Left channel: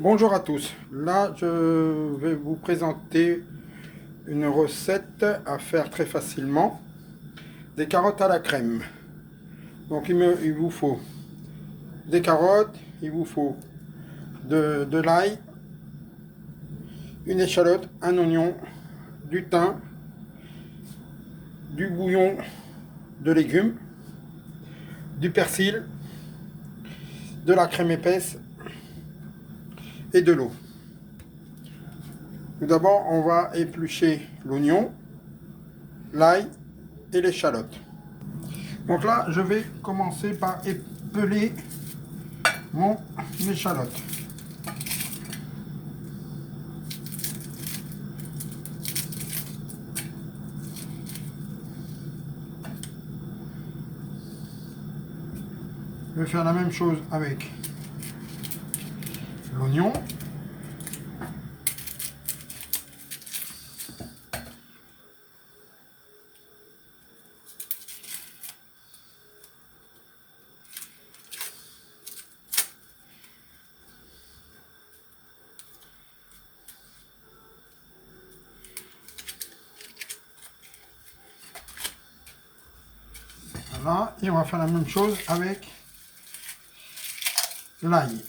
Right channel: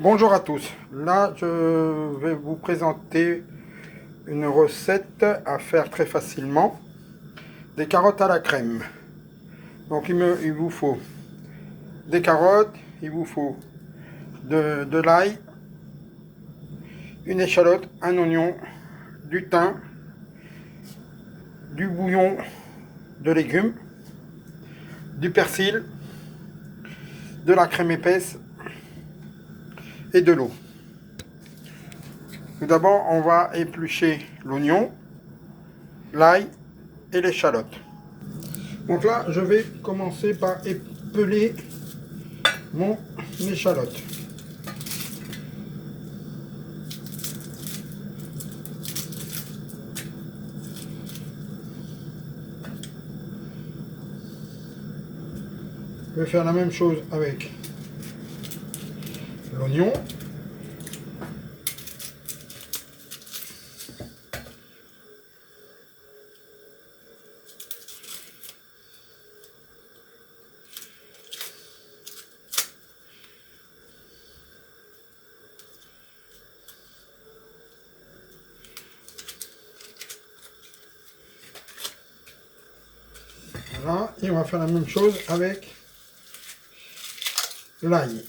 Bonjour à tous. Là, je vais vous présenter une recette à faire très facilement. Des carottes à la crème. Donc, il vous faut des carottes, il vous faut de l'ail, une échalote, un oignon, du thym, du bouillon de légumes, du persil, de la crème épaisse et de l'eau. Tout d'abord, on va éplucher l'oignon, l'ail et l'échalote. Donc là, je vais commencer par épeler mon échalote. Je vais faire la même chose avec l'oignon. Voilà, et on va faire la même chose avec l'ail.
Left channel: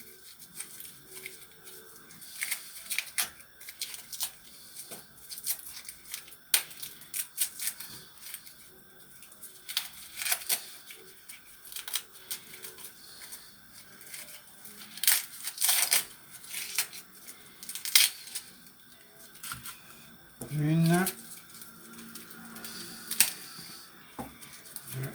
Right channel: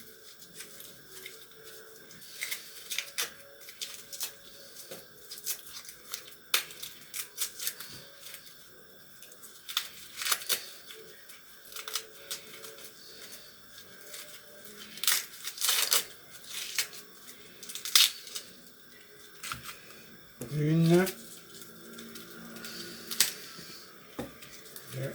Une, deux,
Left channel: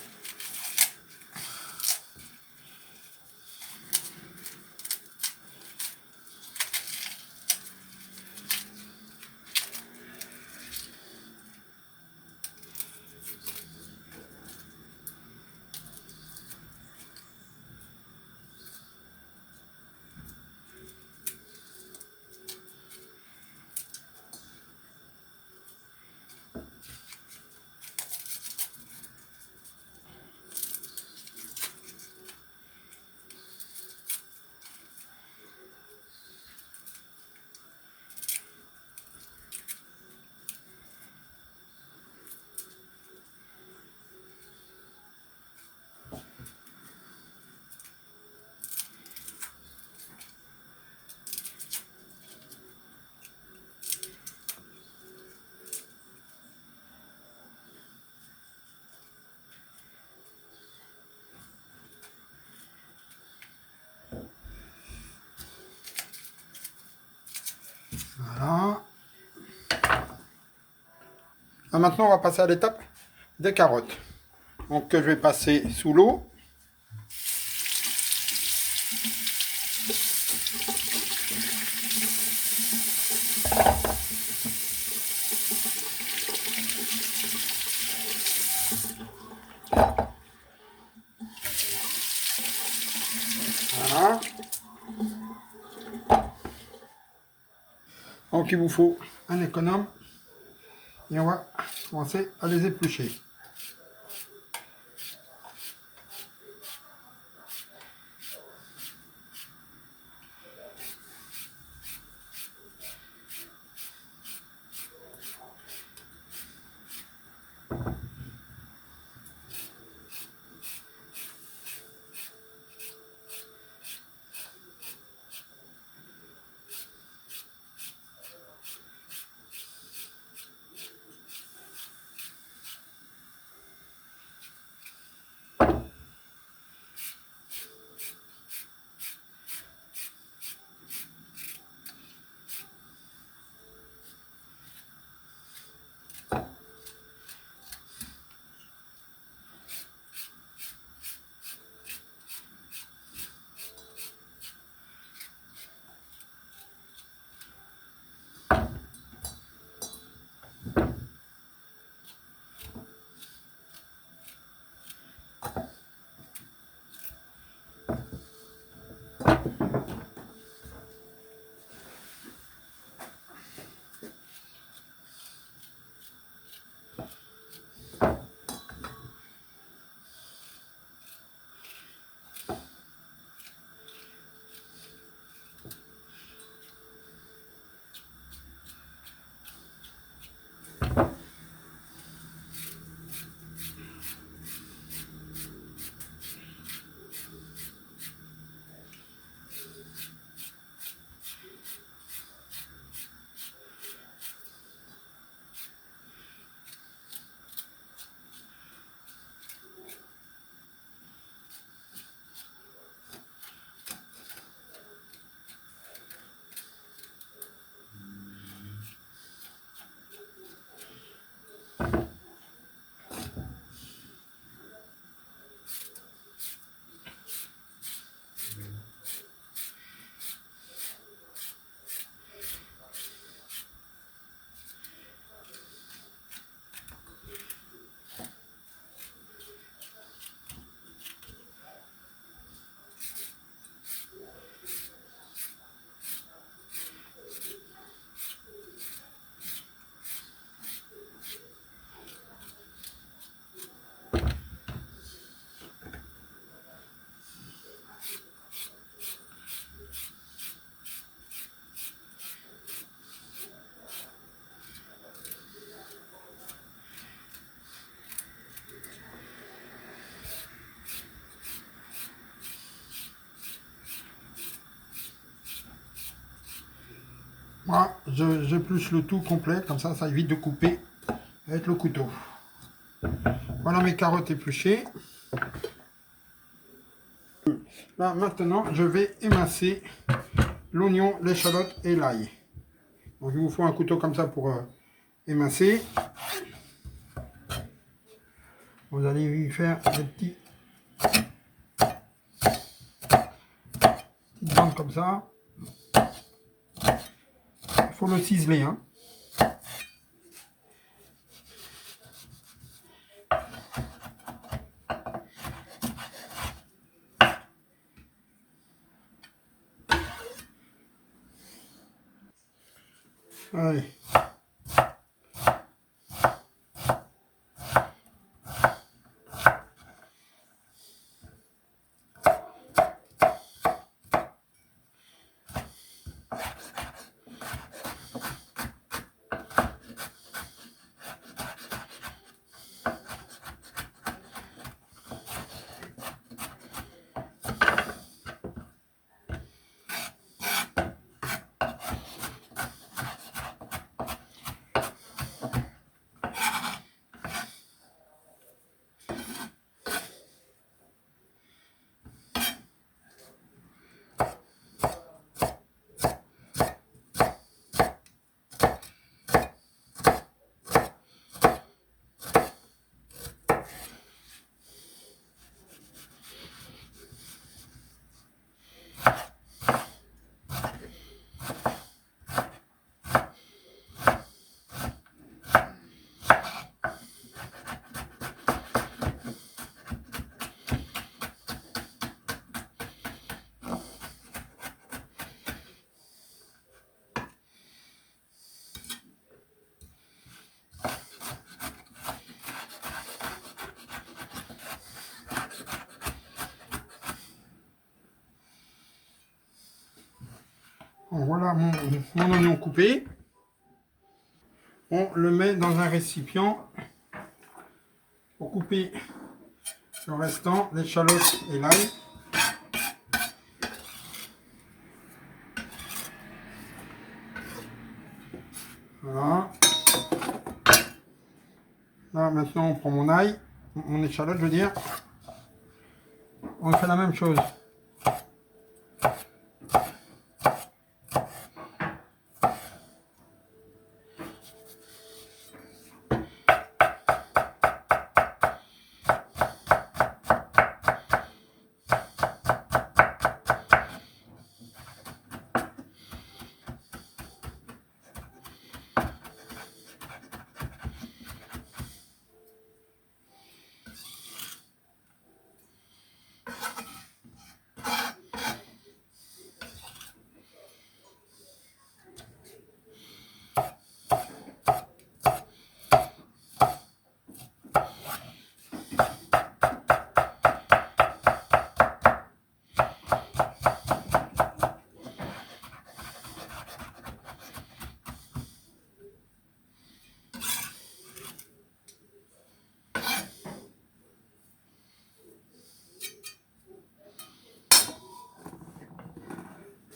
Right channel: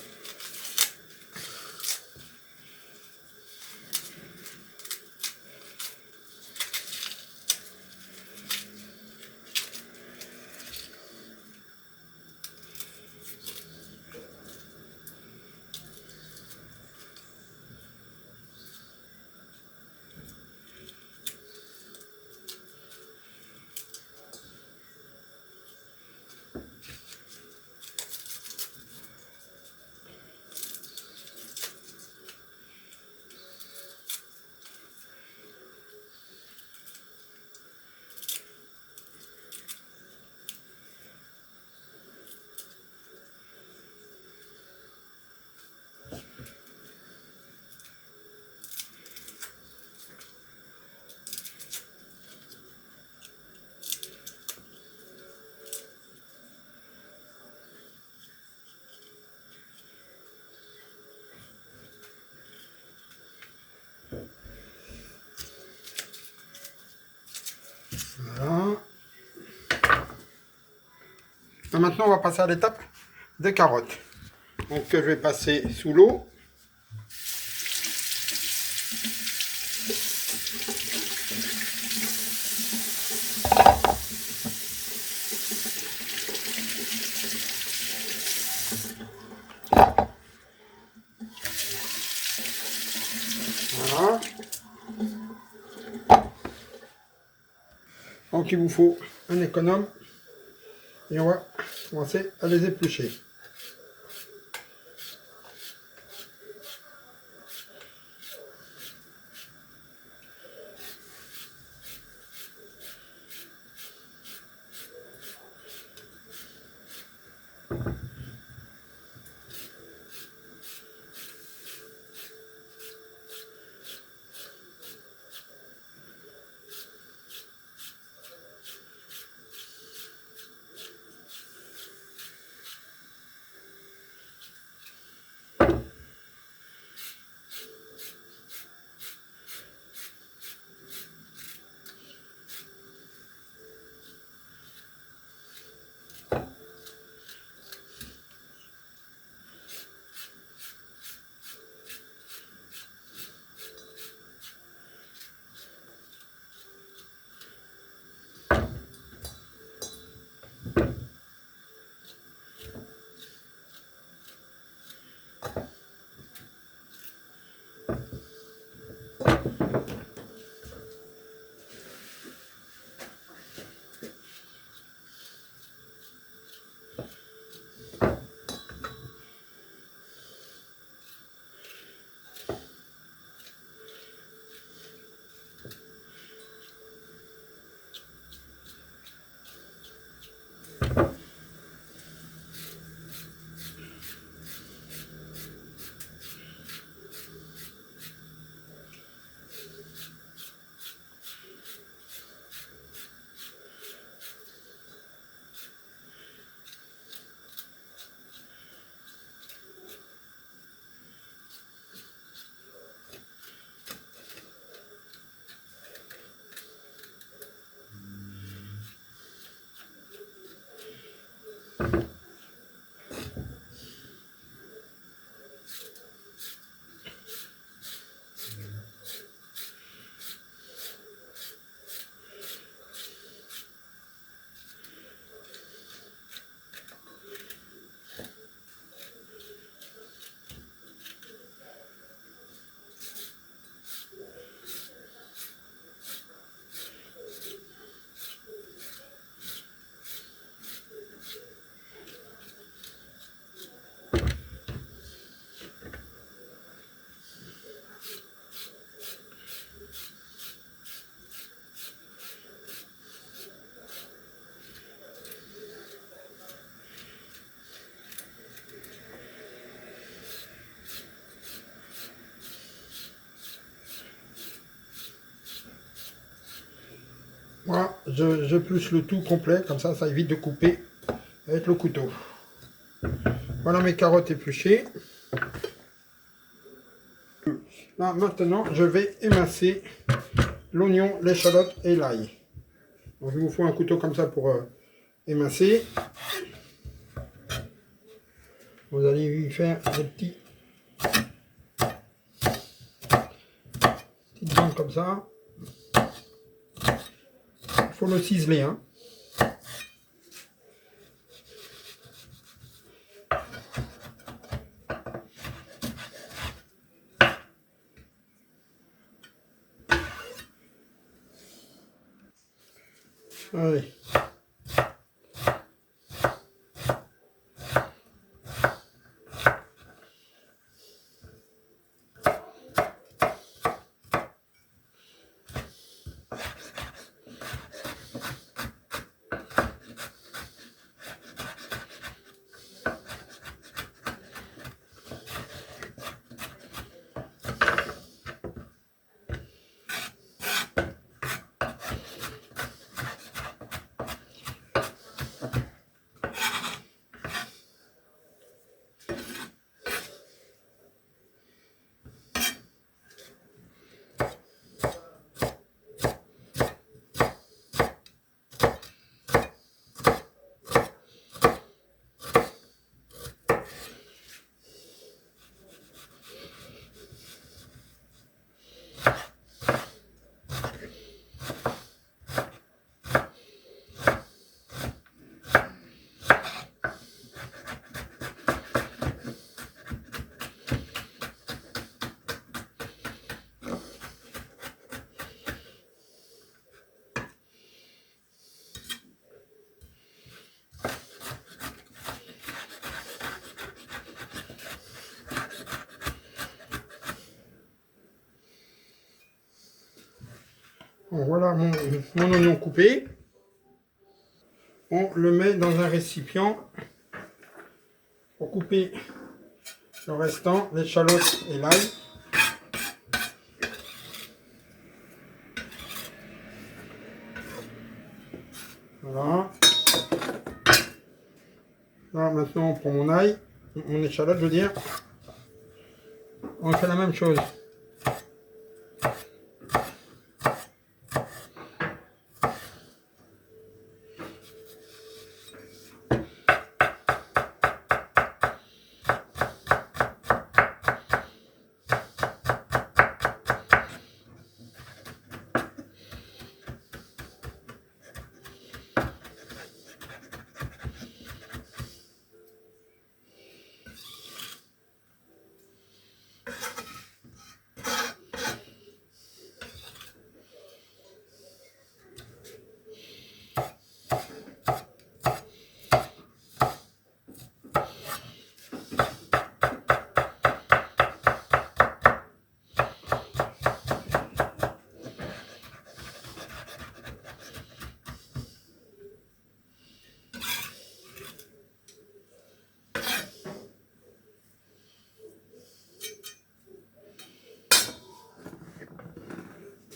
voilà. Et maintenant, on va passer à l'étape des carottes. Donc, que je vais passer sous l'eau. Voilà. Donc, il vous faut un économe. Et on va commencer à les éplucher. Moi, j'épluche le tout complet, comme ça évite de couper avec le couteau. Voilà mes carottes épluchées. Là, maintenant, je vais émincer l'oignon, l'échalote et l'ail. Donc, il vous faut un couteau comme ça pour émincer. Vous allez lui faire des petites bandes comme ça. Il faut le ciseler, hein. Allez. Bon, voilà mon oignon coupé. On le met dans un récipient pour couper le restant, l'échalote et l'ail. Voilà. Là, maintenant, on prend mon ail, mon échalote, je veux dire. On fait la même chose.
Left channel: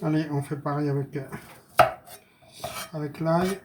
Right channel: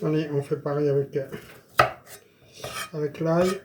Allez, on fait pareil avec l'ail.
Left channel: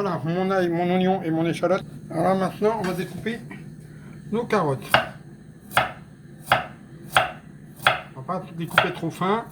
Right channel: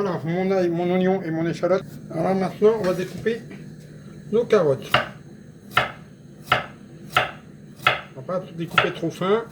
Voilà, mon ail, mon oignon et mon échalote. Alors maintenant, on va découper nos carottes. On va pas découper trop fin.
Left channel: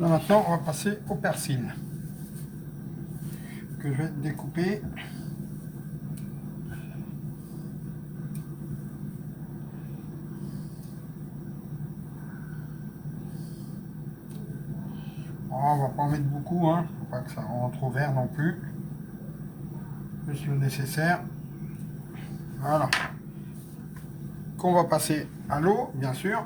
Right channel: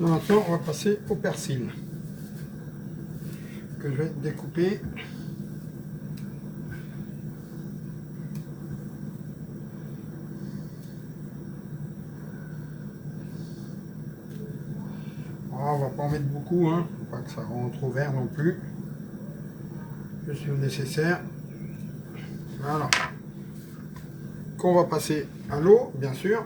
Là maintenant, on va passer au persil que je vais découper. Oh, on va pas en mettre beaucoup, hein. Faut pas que ça rentre trop vert non plus. Juste le nécessaire. Voilà. Qu'on va passer à l'eau, bien sûr.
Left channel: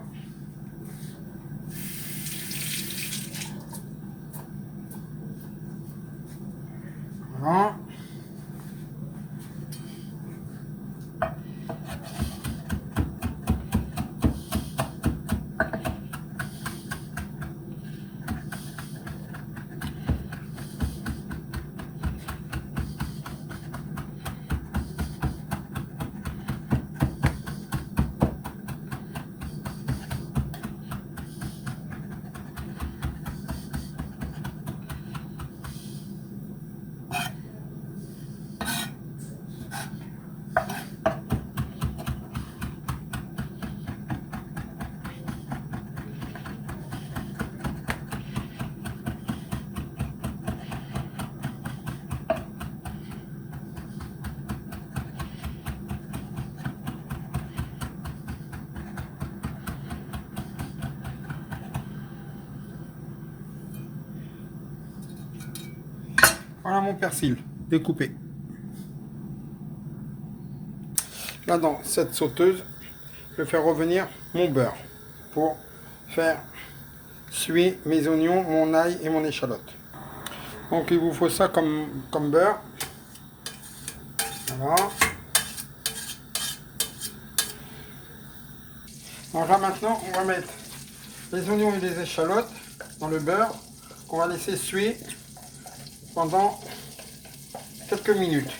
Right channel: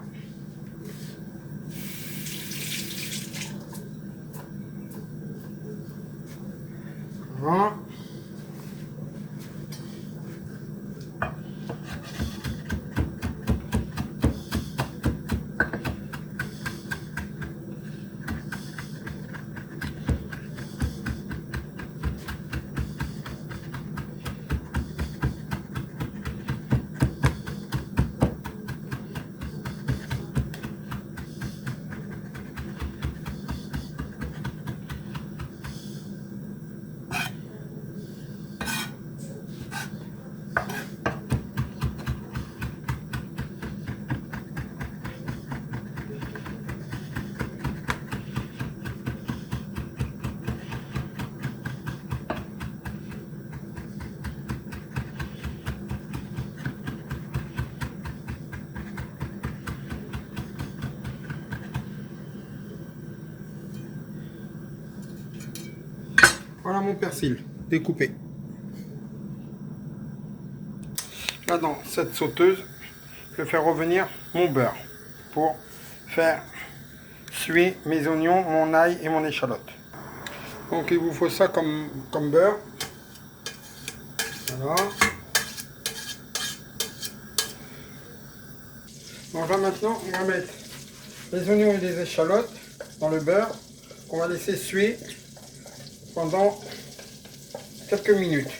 Voilà. Voilà mon persil découpé. Là dans cette sauteuse, je vais faire revenir mon beurre pour faire suer mes oignons, mon ail et mon échalote. Donc il vous faut ça comme beurre. Voilà. Donc là maintenant on va mettre les oignons et les échalotes dans le beurre qu'on va laisser suer pendant quelques minutes.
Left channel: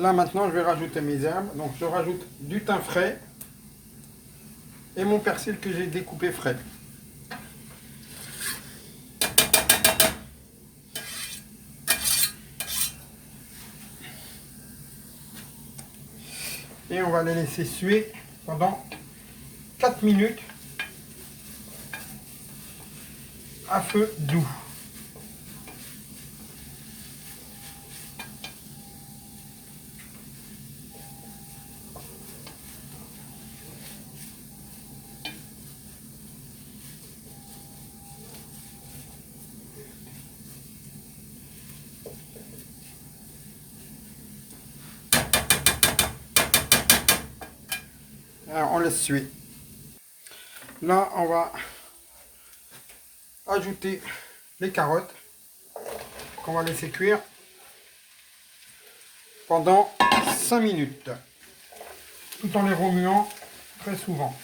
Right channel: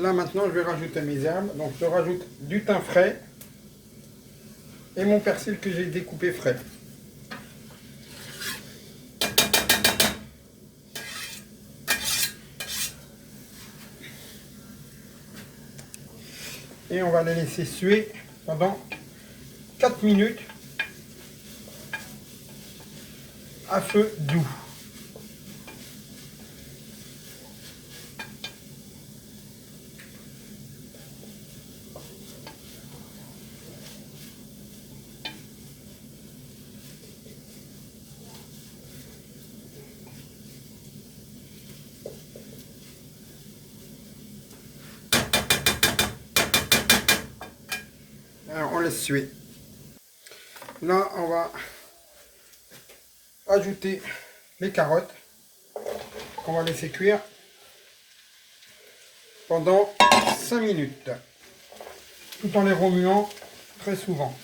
Là maintenant je vais rajouter mes herbes, donc je rajoute du thym frais et mon persil que j'ai découpé frais. Et on va les laisser suer pendant 4 minutes à feu doux. laisse suer. Là, on va ajouter les carottes qu'on va laisser cuire pendant 5 minutes, tout en les remuant très souvent.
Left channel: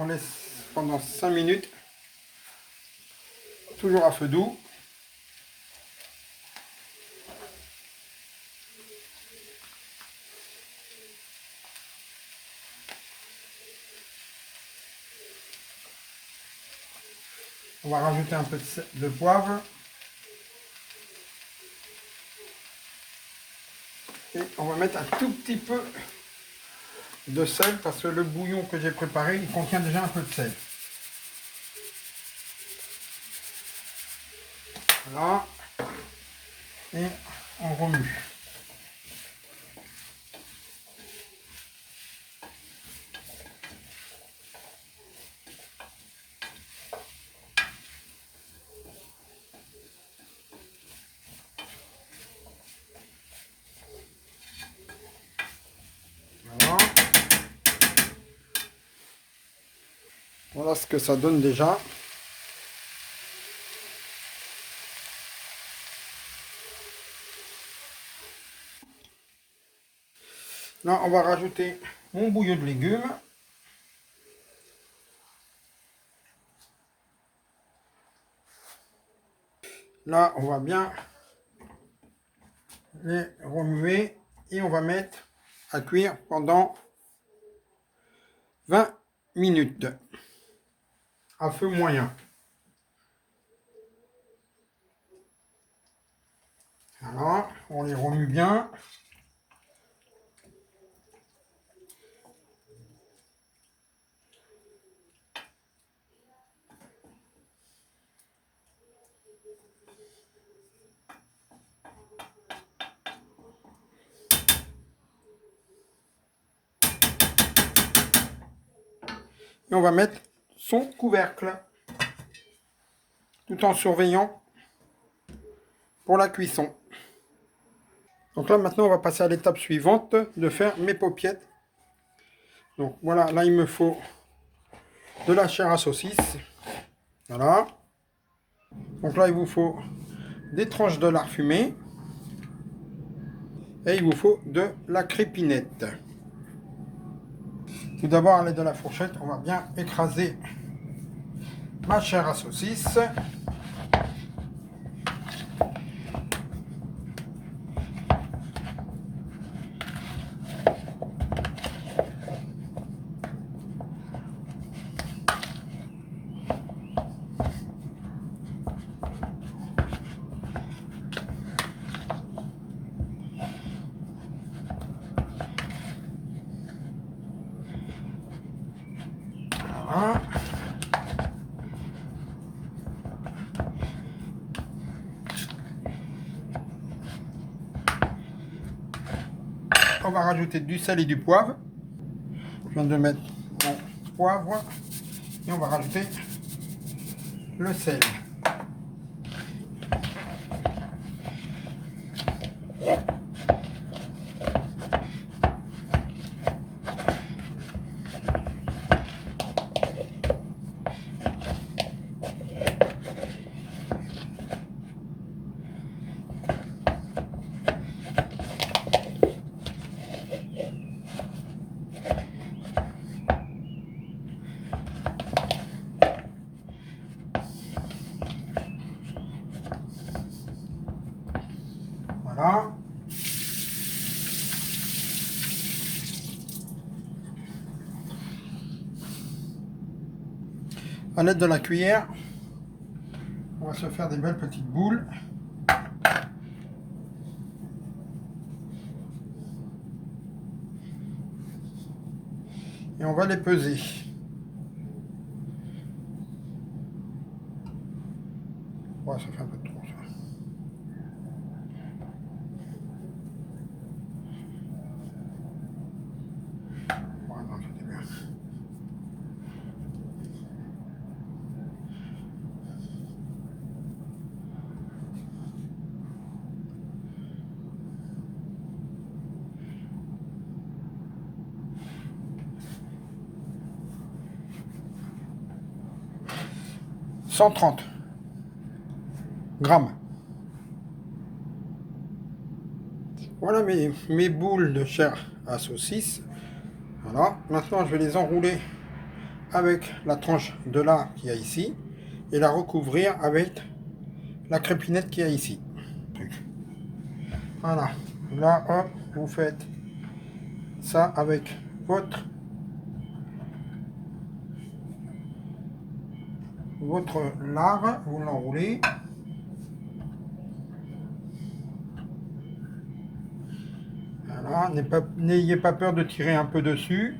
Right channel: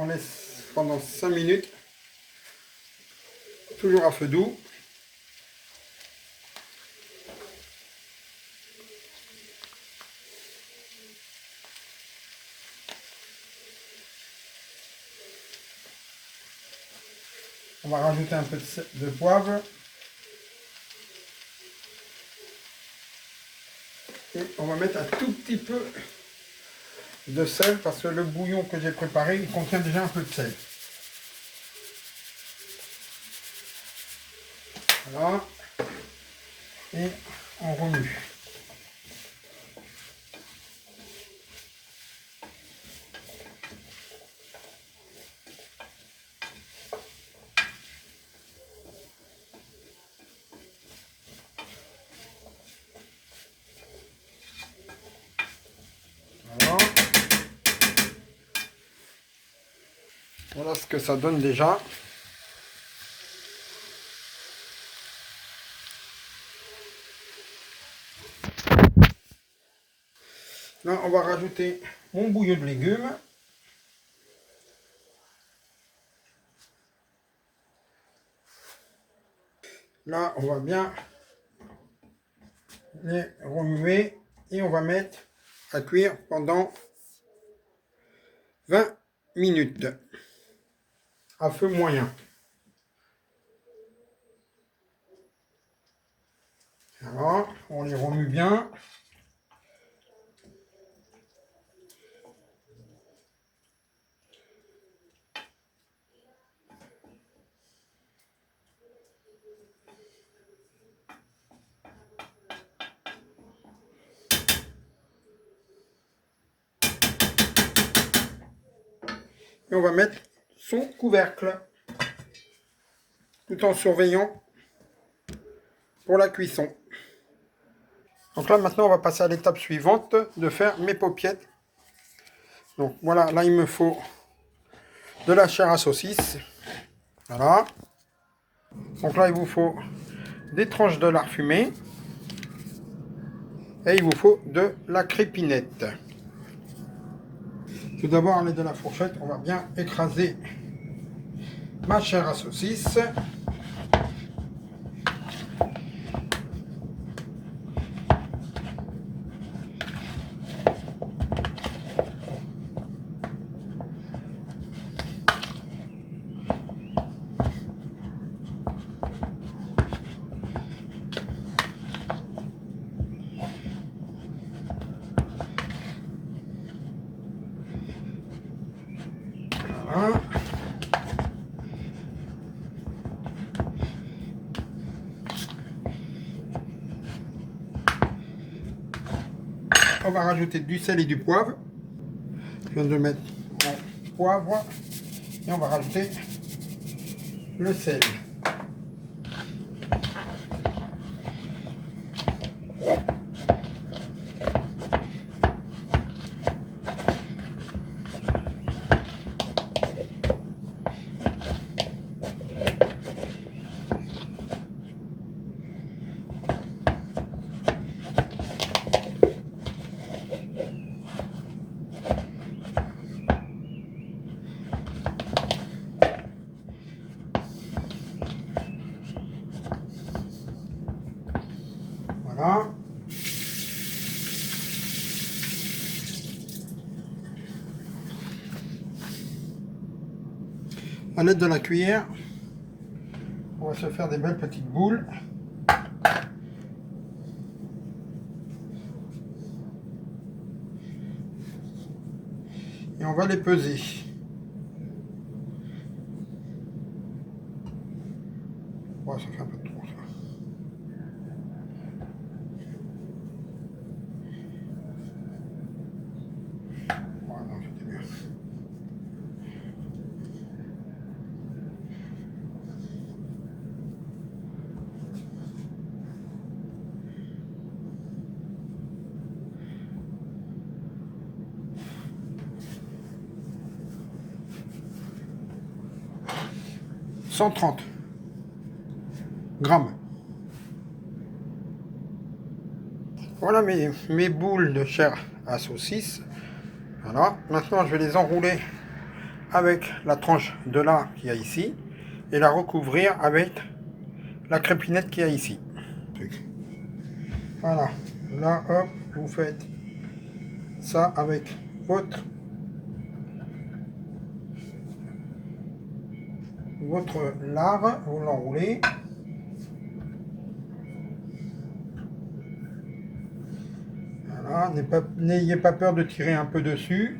On laisse pendant 5 minutes, toujours à feu doux. On va rajouter un peu de poivre. Et on va mettre un tout petit peu de sel parce que le bouillon que j'ai préparé, il contient déjà un peu de sel. Voilà. Et on remue. Voilà. Voilà ce que ça donne déjà. Là, on va rajouter mon bouillon de légumes. Là, on va bien les remuer et on va mettre à cuire pendant 20 minutes à feu moyen. Voilà, on les remue bien. Et on va mettre son couvercle tout en surveillant pour la cuisson. Donc là maintenant on va passer à l'étape suivante de faire mes paupiettes. Donc voilà, là il me faut de la chair à saucisse. Voilà. Donc là il vous faut des tranches de lard fumé. Et il vous faut de la crépinette. Tout d'abord, à l'aide de la fourchette, on va bien écraser ma chair à saucisse. Voilà. On va rajouter du sel et du poivre. Je viens de mettre mon poivre et on va rajouter le sel. Voilà. À l'aide de la cuillère, on va se faire des belles petites boules. on va les peser. Ouais, ça fait un peu trop ça. Ouais, non, c'était bien. « 130 grammes. Voilà mes boules de chair à saucisse. Voilà. Maintenant, je vais les enrouler avec la tranche de lard qu'il y a ici et la recouvrir avec la crépinette qu'il y a ici. Voilà. Là, hop, vous faites ça avec votre lard, vous l'enroulez. Voilà, n'ayez pas peur de tirer un peu dessus.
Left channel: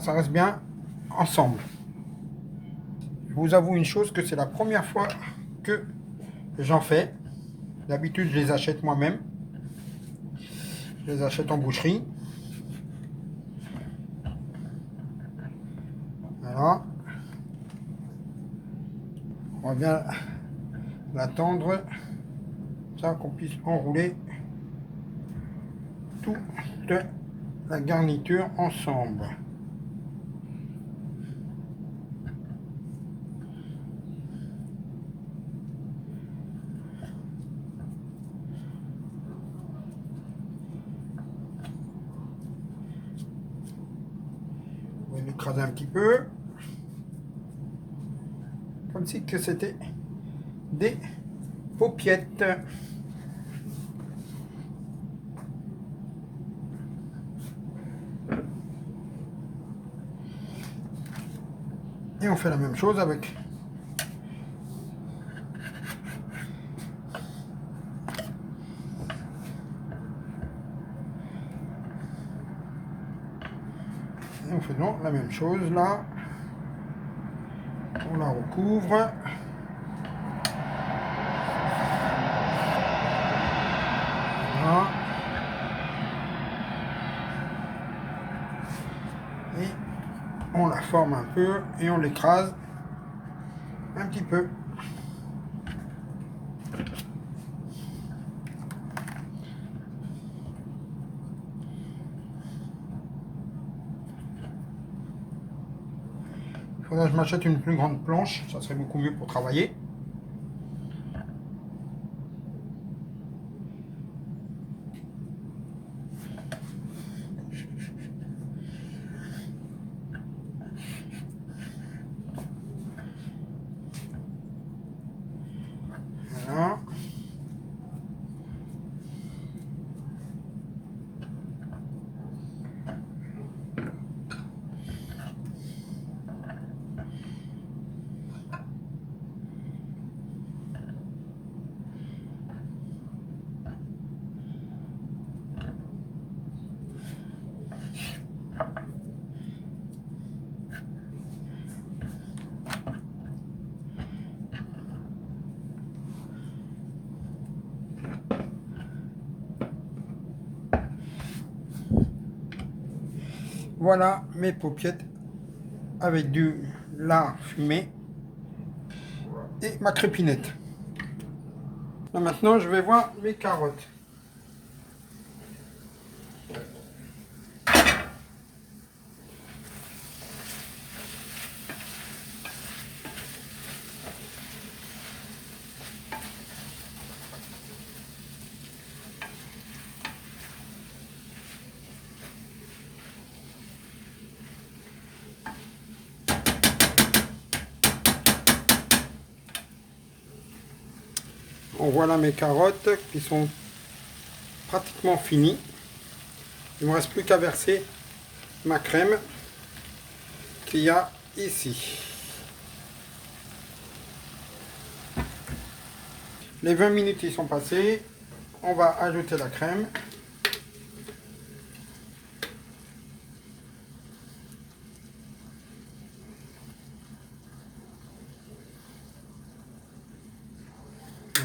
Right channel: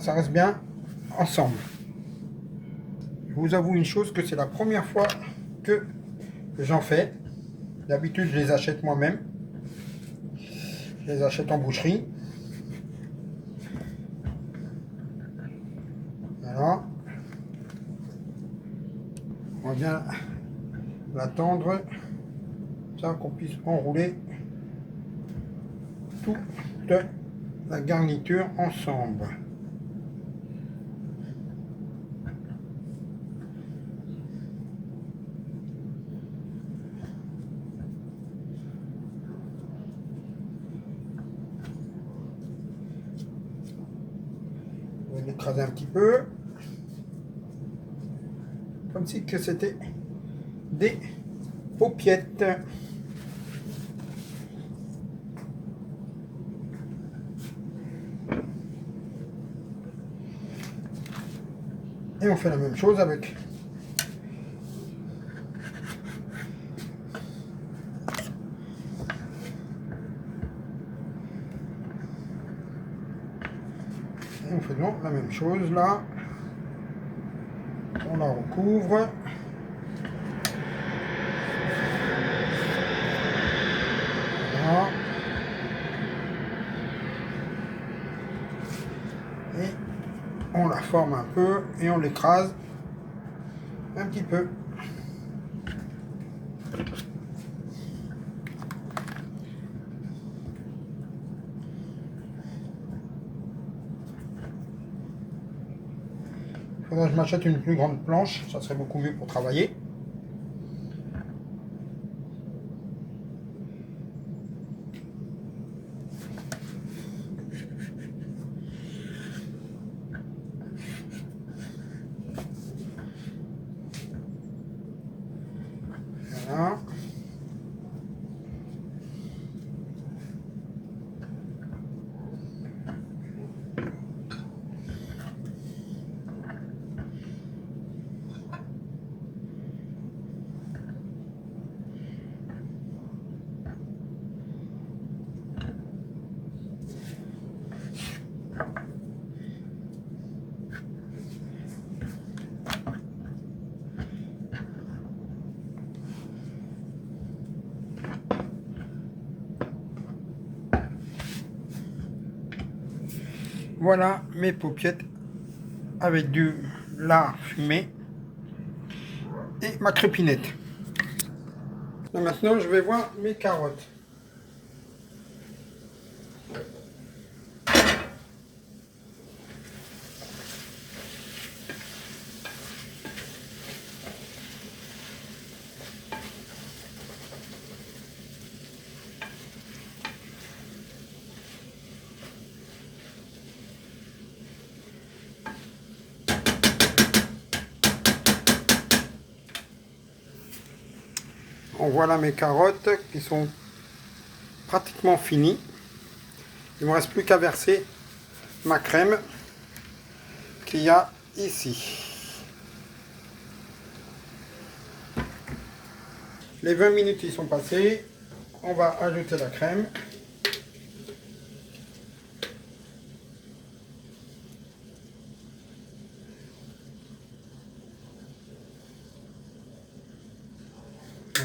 Ça reste bien ensemble. Je vous avoue une chose, que c'est la première fois que j'en fais. D'habitude, je les achète moi-même. Je les achète en boucherie. Voilà. On va bien la tendre, ça qu'on puisse enrouler toute la garniture ensemble. On va l'écraser un petit peu, comme si que c'était des paupiettes. Et on fait la même chose avec et on fait donc la même chose là. On la recouvre. Voilà. Et on la forme un peu et on l'écrase un petit peu. Il faudrait que je m'achète une plus grande planche, ça serait beaucoup mieux pour travailler. Voilà. Voilà mes paupiettes avec du lard fumé et ma crépinette. Là, maintenant, je vais voir mes carottes. Voilà mes carottes qui sont pratiquement finies. Il ne me reste plus qu'à verser ma crème qu'il y a ici. Les 20 minutes ils sont passées. On va ajouter la crème.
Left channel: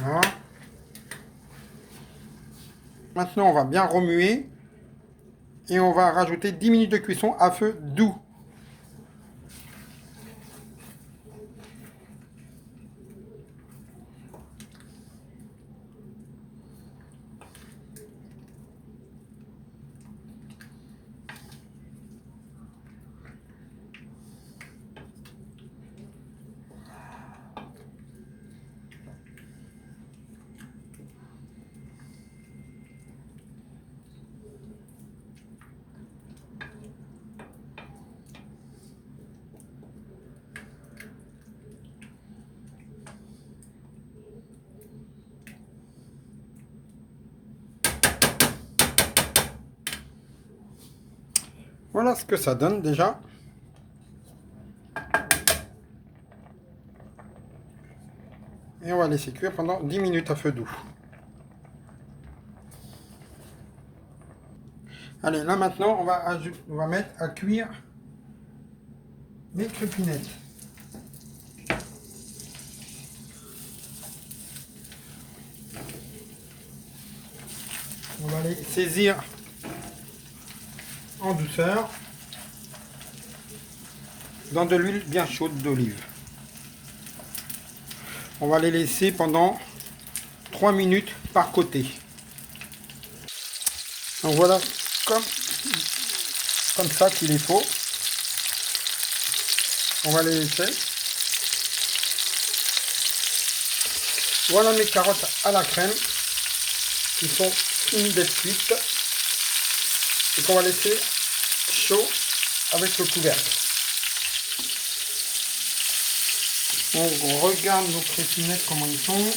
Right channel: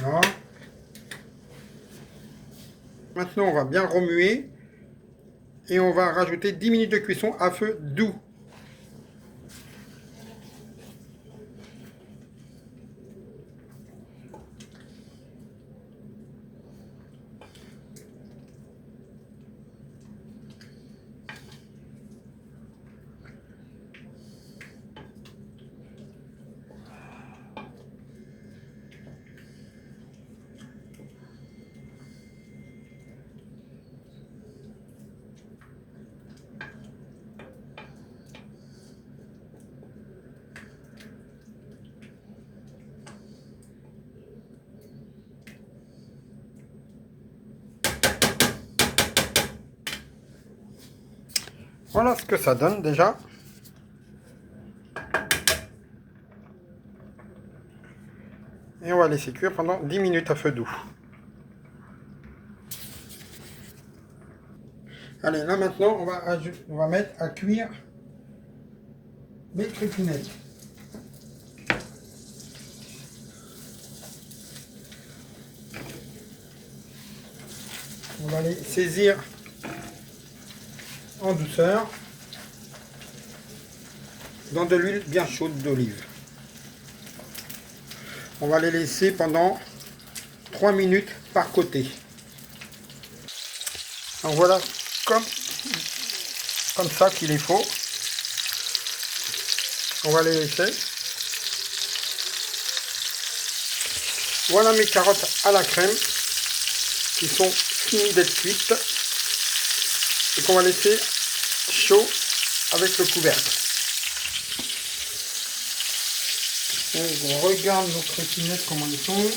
Voilà. Maintenant, on va bien remuer et on va rajouter 10 minutes de cuisson à feu doux. Voilà ce que ça donne déjà. Et on va laisser cuire pendant 10 minutes à feu doux. Allez, là maintenant, on va mettre à cuire mes crépinettes. On va les saisir en douceur dans de l'huile bien chaude d'olive. On va les laisser pendant 3 minutes par côté. Donc voilà comme ça qu'il est faut. On va les laisser. Voilà mes carottes à la crème qui sont finies d'être cuites et qu'on va laisser chaud avec le couvercle. Donc on regarde nos crépinettes comment ils sont.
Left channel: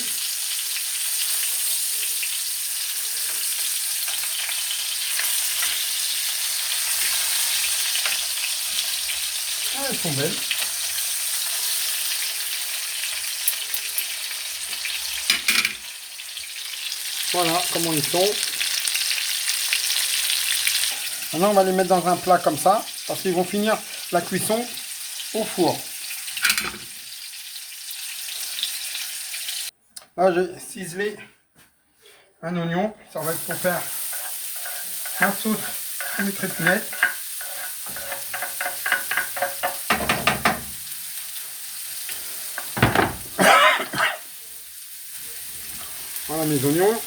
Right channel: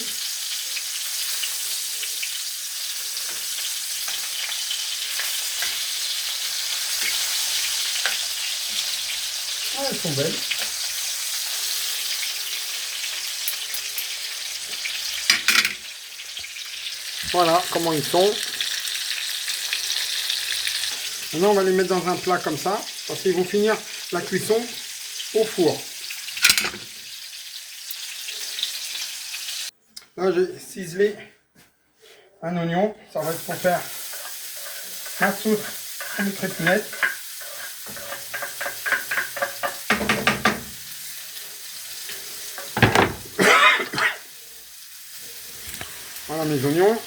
Ah, elles sont belles. Voilà comment ils sont. Maintenant on va les mettre dans un plat comme ça parce qu'ils vont finir la cuisson au four. Là j'ai ciselé un oignon, ça va être pour faire un sauce à mes crépinettes. Voilà mes oignons.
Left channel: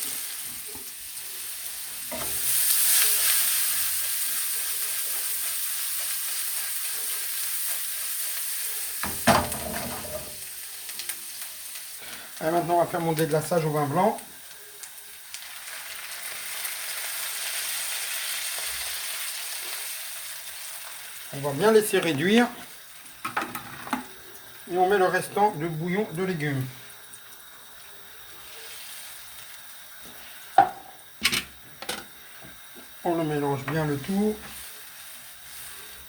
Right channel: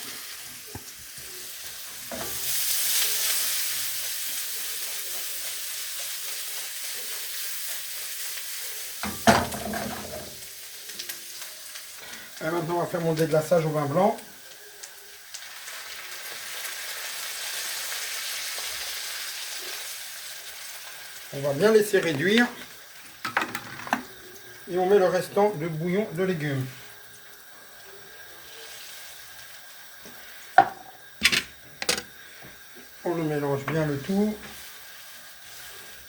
Et maintenant on va faire mon déglaçage au vin blanc. On va bien laisser réduire. Et on met le restant de bouillon de légumes. On le mélange bien le tout.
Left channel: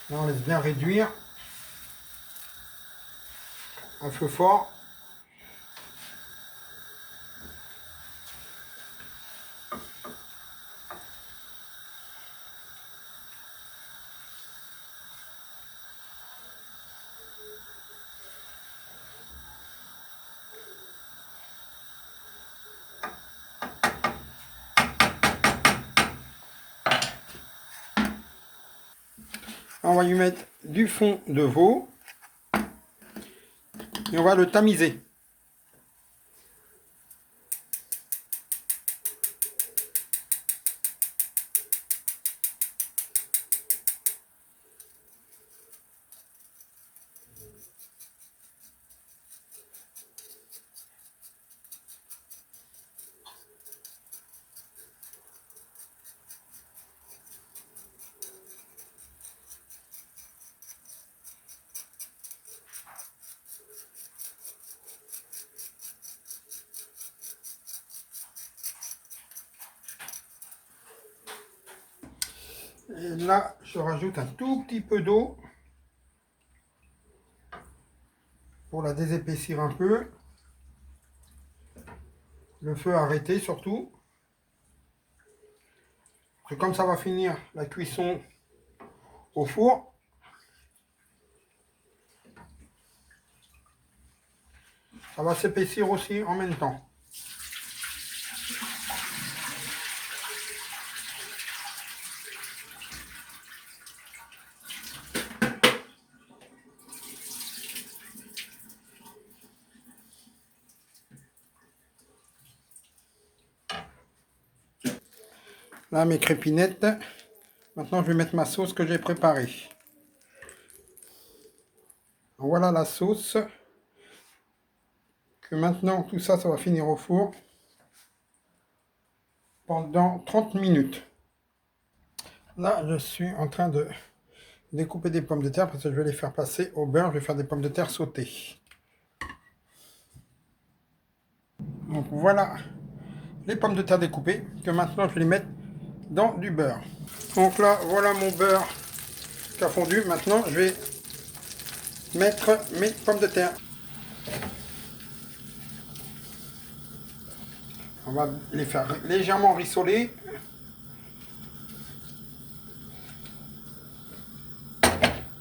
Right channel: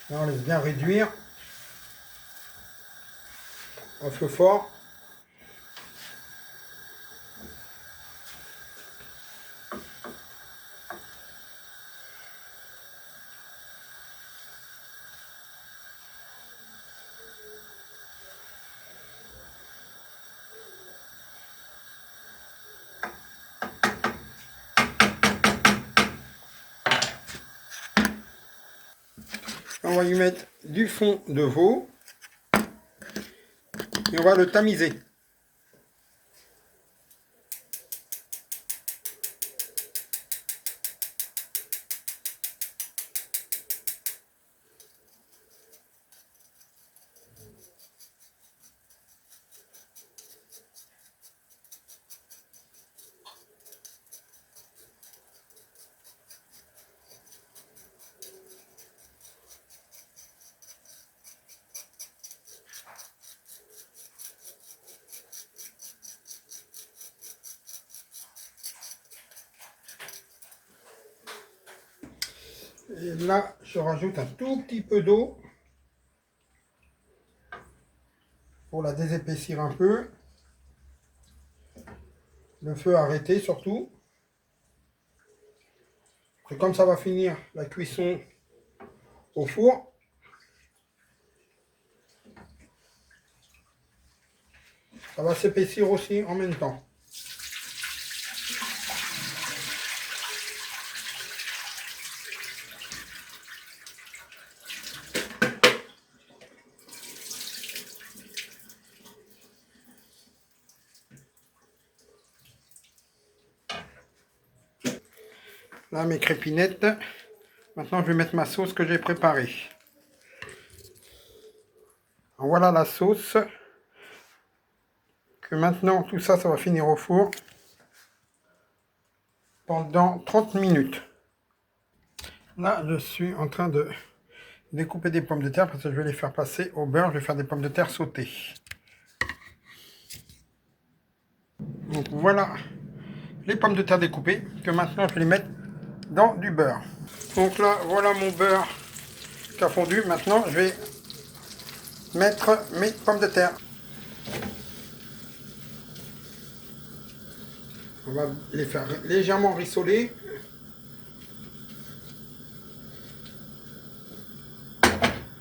Là on laisse bien réduire à feu fort. On va lui mettre du fond de veau et on va le tamiser. Et là, je rajoute un tout petit peu d'eau pour la désépaissir un peu. Le feu arrêté surtout. Après, comme ça va finir la cuisson au four, ça va s'épaissir aussi en même temps. Là, mes crépinettes. Maintenant, je vais mettre ma sauce que j'ai préparée. Voilà la sauce. Que maintenant, tout ça, ça va finir au four pendant 30 minutes. Là, je suis en train de découper des pommes de terre parce que je vais les faire passer au beurre. Je vais faire des pommes de terre sautées. Donc voilà les pommes de terre découpées que maintenant je vais les mettre dans du beurre. Donc là, voilà mon beurre qui a fondu. Maintenant, je vais mettre mes pommes de terre. On va les faire légèrement rissoler.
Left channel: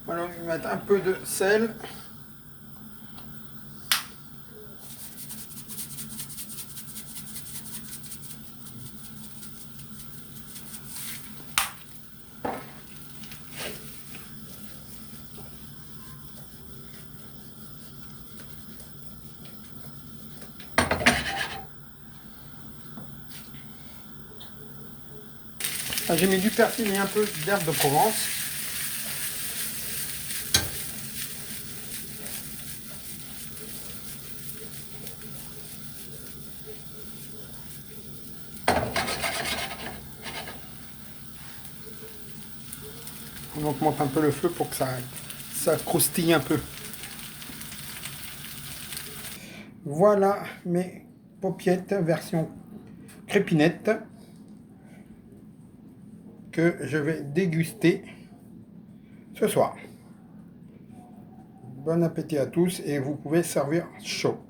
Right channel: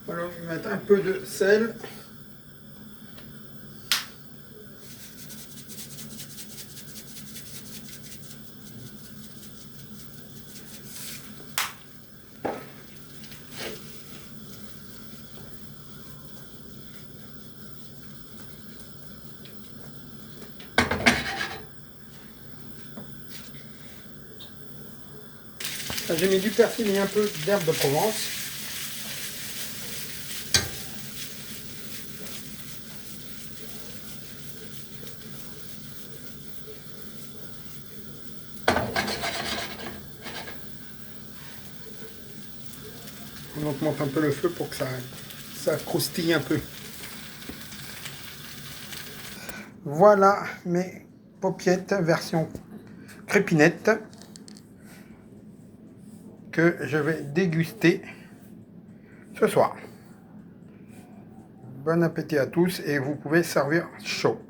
Voilà, je vais mettre un peu de sel. J'ai mis du persil et un peu d'herbe de Provence. On augmente un peu le feu pour que ça croustille un peu. Voilà mes paupiettes version crépinette que je vais déguster ce soir. Bon appétit à tous et vous pouvez servir chaud.